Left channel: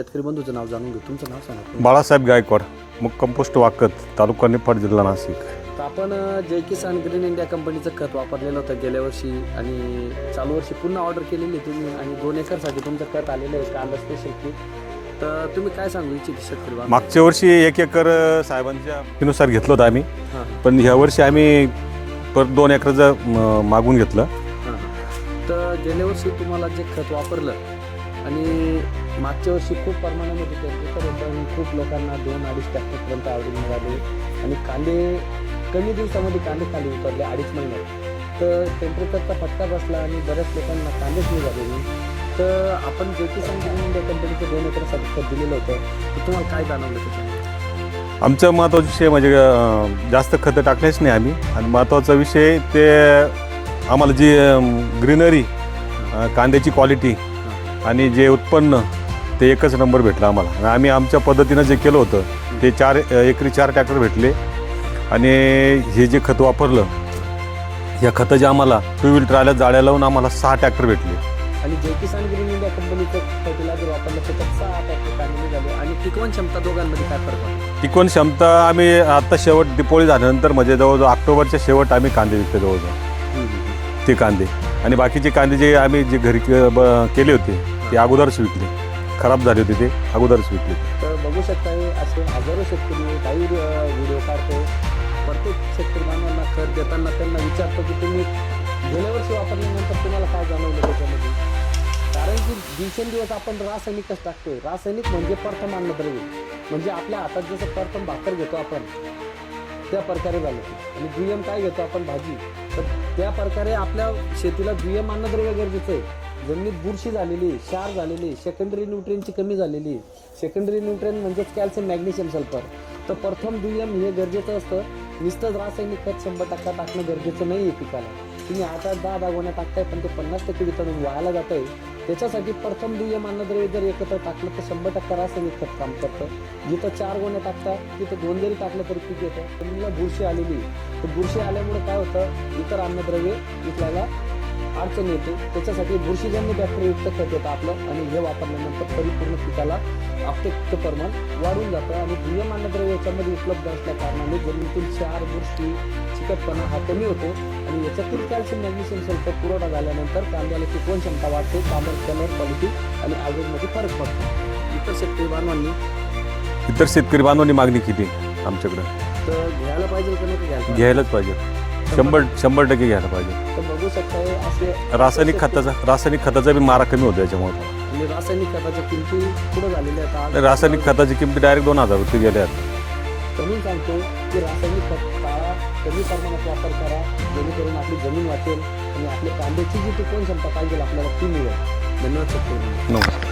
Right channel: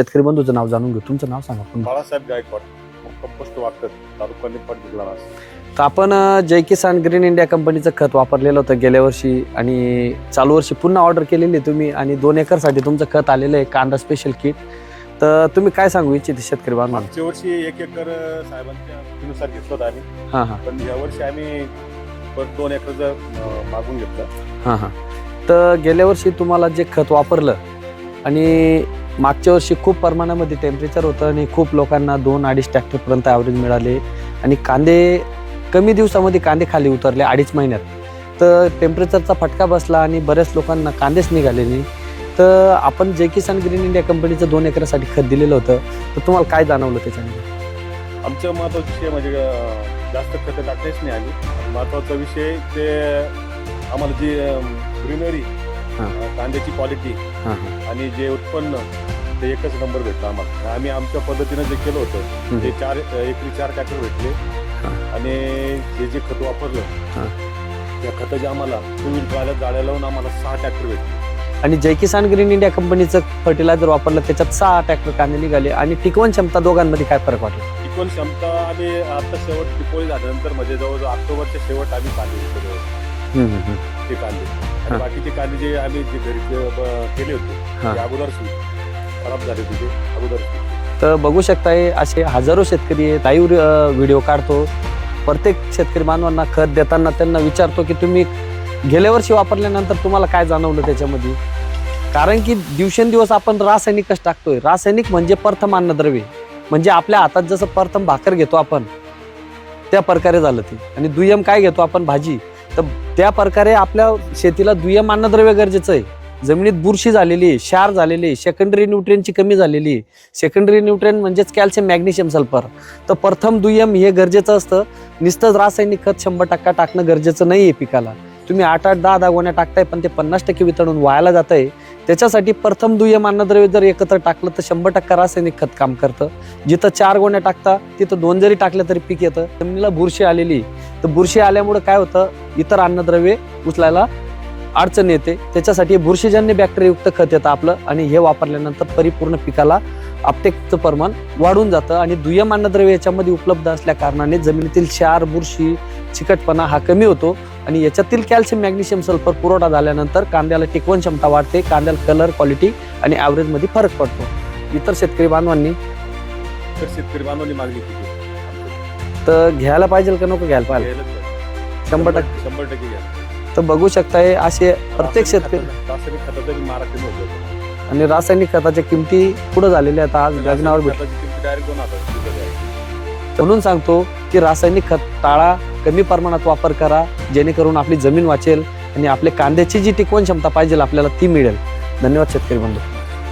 शेतकरी बंधूचं नाव जाणून घेऊ. तुमचं नाव सांगा. बाळासाहेब गायकवाड, मुक्काम पोस्ट वाकत, तालुका निफाड, जिल्हा नाशिक. तर आपण जय किसान ग्रीन इंडिया कंपनीचं खत वापरलेलं होतं गेल्या वर्षी आणि चालू वर्षी पुन्हा ऑर्डर केलेली आहे तुम्ही आणि 2 एकरसाठी तुमचं खत आलेलं आहे कांदा स्पेशल किट. तर तुम्ही काय सांगू इच्छिते शेतकरी बांधव? मागच्या वर्षी 1 एकर साहेबांच्या नुसार घेतलं होतं आम्ही, हां हां पण ह्या वर्षी आम्ही परत 2 एकरचं मागून घेतलं. हां हां. तर गेल्या वर्षी तुम्हाला जे खत वापरलं आणि मागच्या वर्षी खूप प्रमाणामध्ये टेम्परेचर होतं आणि खूप लोकांना 2-2.5 ट्रॅक्टरपर्यंत ॲव्हरेज मिळाले आणि कांदे कमी दिवसामध्ये कांदे खाली उतरले 2.5 महिन्यात. तर टेम्परेचरचा फटका बसला आणि बऱ्याच लोकांना कांदेच निघाले नाही. तर आपण जय किसान ग्रीन इंडिया कंपनीचं 2 एकरासाठी खत दिलेलं होतं, तर तुम्हाला काय जाणवलं त्याच्यामध्ये? आमचा महत्त्वाचा विषय म्हणजे जास्त खतं टाकलेच नाही आम्ही, आणि महत्त्वाचा विषय ते आम्हाला जी ग्रीनरी, कांद्याची क्वालिटी आणि जे उत्पन्न ते एकच नंबर भेटलं आम्हाला. आम्ही आमच्या पद्धतीनं जे केलं होतं ते 4 एकरी 4 ट्रॅक्टर भेटले आणि हे जे खत वापरलं या खताचे आम्हाला 2 व्हील ट्रायला जाळ्या लावून आम्हाला 6 ट्रॅक्टर भेटले. आणि जय किसान ग्रीन इंडिया कंपनीचं फर्टिलायझर वापरलं त्याच्यात 6 ट्रॅक्टर कांदे निघाले. आणि टिकवण क्षमता दोघांमध्ये काय फरक वाटला? टिकवण क्षमता आम्ही आता शेवट दिपोळी झाल्यानंतर म्हणजे जवळजवळ ऑक्टोबरच्या शेवट आम्ही कांदे विकते जवळजवळ ते कांदे, आणि बाकीचे कांदे जे आम्ही जे घरी केले होते ते अगोदरच विकले, खराब झाले होते ते अगोदरच विकले. तर बघू शकताय असे हजारो शेतकरी लाईव्ह व्हिडिओ काढतो. प्रत्येक शेतकरी बांधवांना खत देताना त्यांना विचारतो की तुम्ही गेल्या वर्षी वापरल्यानंतर तुम्हाला काय जाणवलं त्याच्यामध्ये. कारण की दिवसेंदिवस आपण रासायनिकच टाकतोय. रासायनिक म्हणजे प्रथम अन्नद्रव्य, म्हणजे आपल्या हातात जसं प्रथम भाकर घेतो आपण त्या प्रकारे झालं ते, आणि दुय्यम काय घेतो आपण भाजी, तर त्या प्रकारे आपल्या शेतीला दुय्यम अन्नद्रव्य गरजेचं आहे. जमिनीत बुरशी झालेली आहे, क्षार झालेली आहे, सेकंडरी न्यूट्रिएंटची कमी झालेली आहे. सेकंडरी न्यूट्रिएंट म्हणजेच कॅल्शियम, मॅग्नेशियम, सल्फर. तर प्रथम दुय्यम हे गरजेचं असतं. नुसतंच रासायनिक खत 100% टाकणं गरजेचं नाही आहे पिकाला. तुम्ही 8-8, 10-10 गोण्या टाकताय पण ते 50% वितळून वायाला जात आहे. त्याच्यासाठी प्रथम दुय्यम अन्नद्रव्य जर एकत्र टाकलं तर 100% रासायनिक खत काम करतं. जिथं 4 गोण्या टाकता तिथं 2 जरी टाकल्या तरी पीक येतं. जमिनीला बुरशी आलेली, तर बुरशी आल्यामुळे काय होतं, इतर अन्नद्रव्ये उचलायला अडचण येते. त्याच्यासाठी बुरशीजन्य बॅक्टेरियायुक्त खत येतं आपलं, आणि हे वापरल्यानंतर परिपूर्ण पिकाला अपटेकचं प्रमाण वाढून जातं. आणि दुय्यम अन्नद्रव्य याच्यामध्ये उपलब्ध असल्या कारणाने जमिनीतील क्षार, बुरशी, चिकटपणा हा कमी होतो आणि याच्यातील कॅल्शियम, मॅग्नेशियम, सल्फर पुरवठा झाल्यानंतर कांद्याला टिकवण क्षमता वाढते, कांद्याला कलर, क्वालिटी आणि ॲव्हरेजमध्ये फरक पडतो. इतर शेतकरी बांधवांनी मागणी केली आमच्याकडे, तर घ्यायला पाहिजे का नको घ्यायला पाहिजे? घ्यायलाच पाहिजे, 100% घ्यायला पाहिजे. तर बघू शकताय असे रासायनिक खताचा बी मारा कमी होतो याच्यामुळे, आणि रासायनिक खताच्या किमती पुढे झालेल्या आहेत. आज रासायनिक खताची किंमत डायरेक्ट 2000 रुपये गेल्या. म्हणून सांगतो की रासायनिक खत टाळा, कमी प्रमाणात वापर करा, जेणेकरून आपली जमीन वाचेल आणि आपल्या कांद्याची जी टिकवण क्षमता पाहिजे आपल्याला ती मिळेल. धन्यवाद शेतकरी बंधू. नमस्कार.